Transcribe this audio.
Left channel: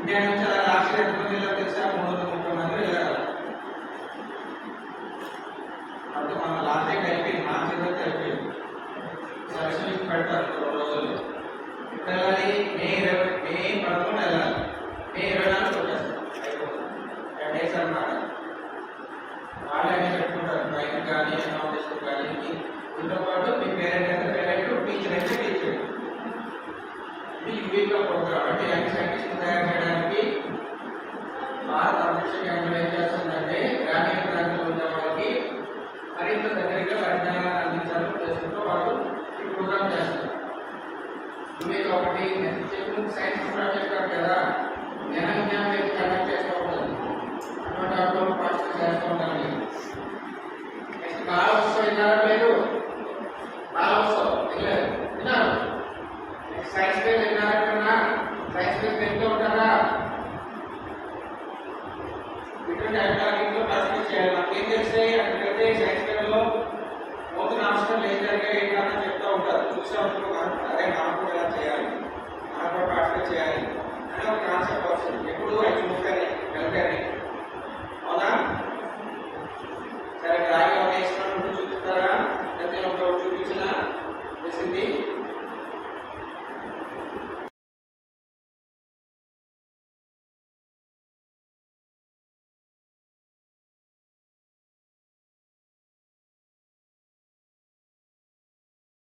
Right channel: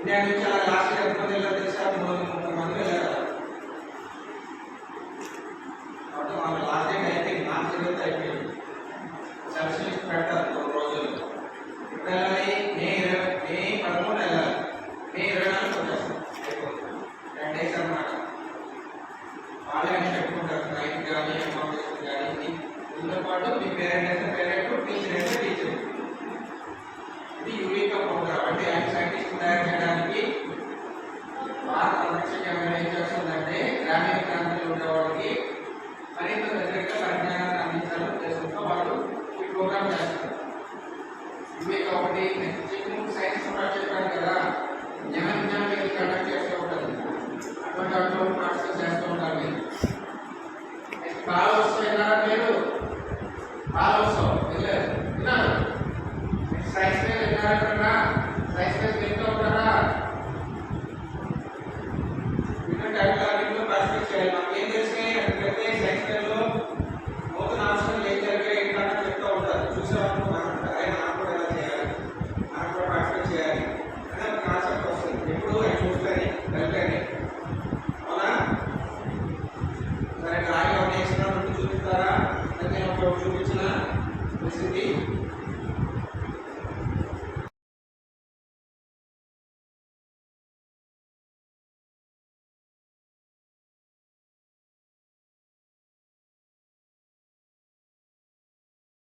India నుంచి అలా last year ఎంతమంది వెళ్ళారు తెలుసా? 330 మంది వెళ్ళారు. అంటే మన లాస్ట్ డేట్ అయిపోయింది, మార్చి 20 అయిపోయింది. సెలక్షన్స్ పెడతారు 2 రోజులు. ఇప్పుడు వెళ్ళాలి మే 13 వెళ్ళాలి, మే 24 వచ్చేస్తాం, అయిపోతుంది. 10 days అన్నమాట. వాళ్ళే అన్నీ పెట్టుకుంటారు, రైట్ కానీ అకామిడేషన్ కానీ. దీంతో పాటు మీ పేరెంట్ అయితే పేరెంట్, టీచర్ అయితే టీచర్. ఇది యూవీకా ప్రోగ్రామ్. అంటే యంగ్ సైంటిస్ట్ తయారు చేయడానికి భారత అంతరిక్ష కేంద్రం ఏం చేస్తుందంటే గ్రామీణ ప్రాంతాల్లో ఉండే వాళ్ళకి మరింత దగ్గరగా పరిజ్ఞానాన్ని అందించాలని ఉద్దేశంతో వాళ్ళు ఈ ప్రోగ్రామ్ చేస్తారు. యూవీకా ఒకటి నెక్స్ట్ సైన్స్ ప్రోగ్రామ్ చెప్పాను కదా, జ్ఞానం కండక్ట్ చేస్తూ ఉంటుంది. అటువంటి ప్రాసెస్ చేస్తూ ఉండాలి. నెక్స్ట్ కాలోత్సవం విన్నారా? పేరు కాలోత్సవం విన్నారు. Next science